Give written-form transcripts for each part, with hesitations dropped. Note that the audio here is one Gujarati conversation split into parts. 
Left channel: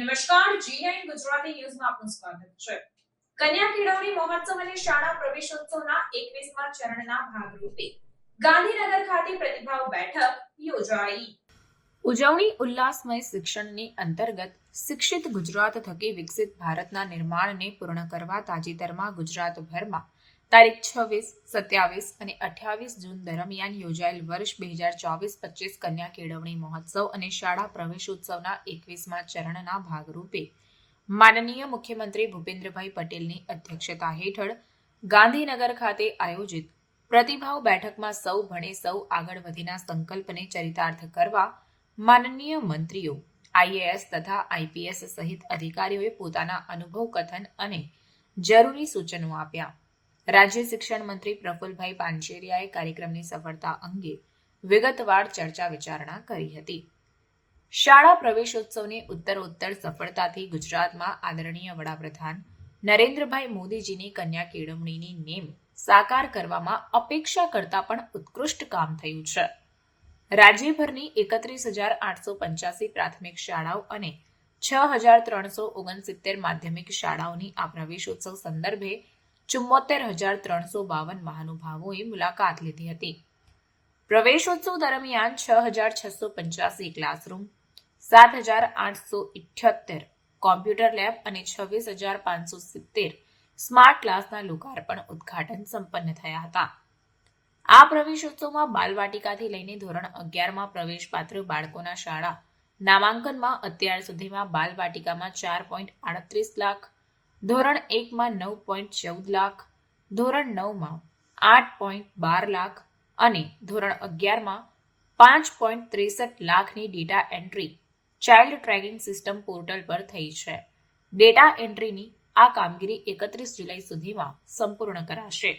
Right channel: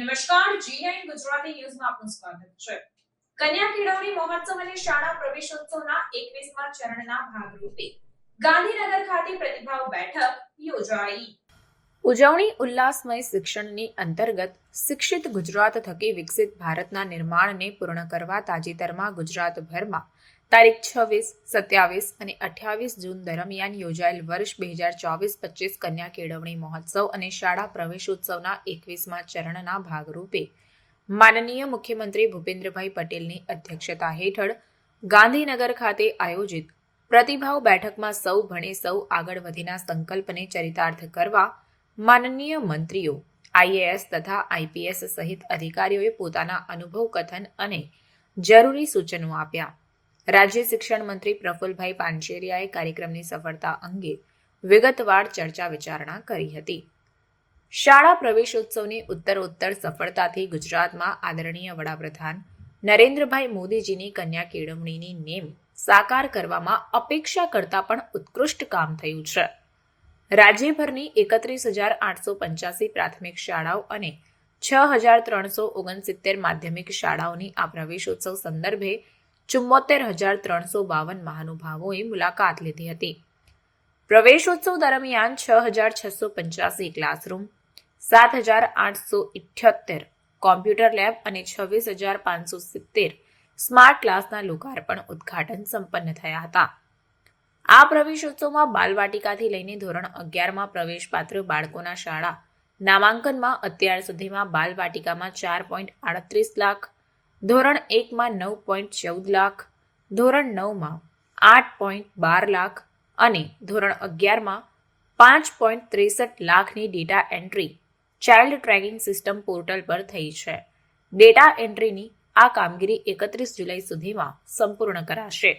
નમસ્કાર, G9 ગુજરાતી ન્યૂઝમાં આપનું સ્વાગત છે. કન્યા કેળવણી મહોત્સવ અને શાળા પ્રવેશોત્સવના 21મા ચરણના ભાગરૂપે ગાંધીનગર ખાતે પ્રતિભાવ બેઠક યોજાઈ. ઉજવણી ઉલ્લાસમય શિક્ષણની અંતર્ગત શિક્ષિત ગુજરાત થકી વિકસિત ભારતના નિર્માણને પૂર્ણ કરવા તાજેતરમાં ગુજરાતભરમાં તારીખ 26, 27 અને 28 જૂન દરમિયાન યોજાયેલ વર્ષ 2024-25 કન્યા કેળવણી મહોત્સવ અને શાળા પ્રવેશોત્સવના 21મા ચરણના ભાગરૂપે માનનીય મુખ્યમંત્રી ભૂપેન્દ્રભાઈ પટેલની અધ્યક્ષતા હેઠળ ગાંધીનગર ખાતે આયોજિત પ્રતિભાવ બેઠકમાં સૌ ભણે સૌ આગળ વધીના સંકલ્પને ચરિતાર્થ કરવા માનનીય મંત્રીઓ, IAS તથા IPS સહિત અધિકારીઓએ પોતાના અનુભવ કથન અને જરૂરી સૂચનો આપ્યા. રાજ્ય શિક્ષણ મંત્રી પ્રફુલભાઈ પાનસેરિયાએ કાર્યક્રમની સફળતા અંગે વિગતવાર ચર્ચા વિચારણા કરી હતી. શાળા પ્રવેશોત્સવની ઉત્તરોત્તર સફળતાથી ગુજરાતમાં આદરણીય વડાપ્રધાન નરેન્દ્રભાઈ મોદીજીની કન્યા કેળવણીની નેમ સાકાર કરવામાં અપેક્ષા કરતાં પણ ઉત્કૃષ્ટ કામ થયું છે. રાજ્યભરની 31,885 પ્રાથમિક શાળાઓ અને 6,369 માધ્યમિક શાળાઓની આ પ્રવેશોત્સવ સંદર્ભે 74,352 મહાનુભાવોએ મુલાકાત લીધી હતી. પ્રવેશોત્સવ દરમિયાન 6,685 ક્લાસરૂમ, 7,878 કોમ્પ્યુટર લેબ અને 26,570 સ્માર્ટ ક્લાસના લોકાર્પણ ઉદ્ઘાટન સંપન્ન થયા હતા. આ પ્રવેશોત્સવમાં બાલવાટિકાથી લઈને ધોરણ 11માં પ્રવેશપાત્ર બાળકોના શાળા નામાંકનમાં અત્યાર સુધીમાં બાલવાટિકામાં 4.38 લાખ, ધોરણ 1માં 9.14 લાખ, ધોરણ 9માં 8.12 લાખ અને ધોરણ 11માં 5.63 લાખની data entry child tracking system portal પર થઈ છે. ડેટા એન્ટ્રીની આ કામગીરી 31 જુલાઈ સુધીમાં સંપૂર્ણ કરાશે.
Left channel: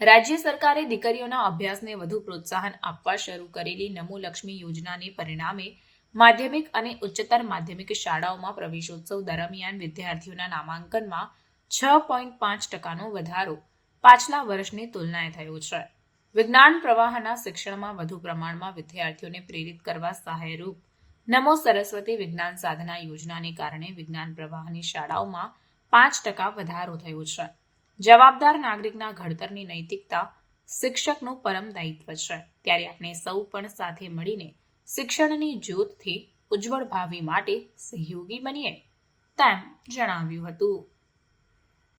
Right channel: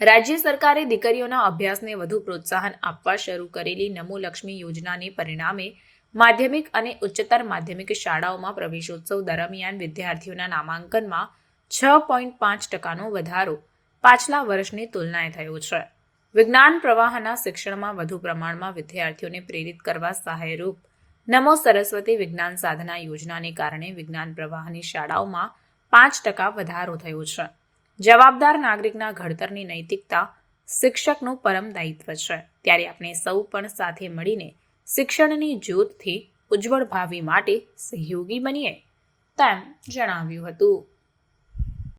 રાજ્ય સરકારે દીકરીઓના અભ્યાસને વધુ પ્રોત્સાહન આપવા શરૂ કરેલી નમોલક્ષ્મી યોજનાને પરિણામે માધ્યમિક અને ઉચ્ચતર માધ્યમિક શાળાઓમાં પ્રવેશોત્સવ દરમિયાન વિદ્યાર્થીઓના નામાંકનમાં 6.5% વધારો પાછલા વર્ષની તુલનાએ થયો છે. વિજ્ઞાન પ્રવાહના શિક્ષણમાં વધુ પ્રમાણમાં વિદ્યાર્થીઓને પ્રેરિત કરવા સહાયરૂપ નમો સરસ્વતી વિજ્ઞાન સાધના યોજનાને કારણે વિજ્ઞાન પ્રવાહની શાળાઓમાં 5% વધારો થયો છે. જવાબદાર નાગરિકના ઘડતરની નૈતિકતા શિક્ષકનું પરમ દાયિત્વ છે, ત્યારે આપણે સૌ પણ સાથે મળીને શિક્ષણની જ્યોતથી ઉજ્જવળ ભાવિ માટે સહયોગી બનીએ, તેમ જણાવ્યું હતું.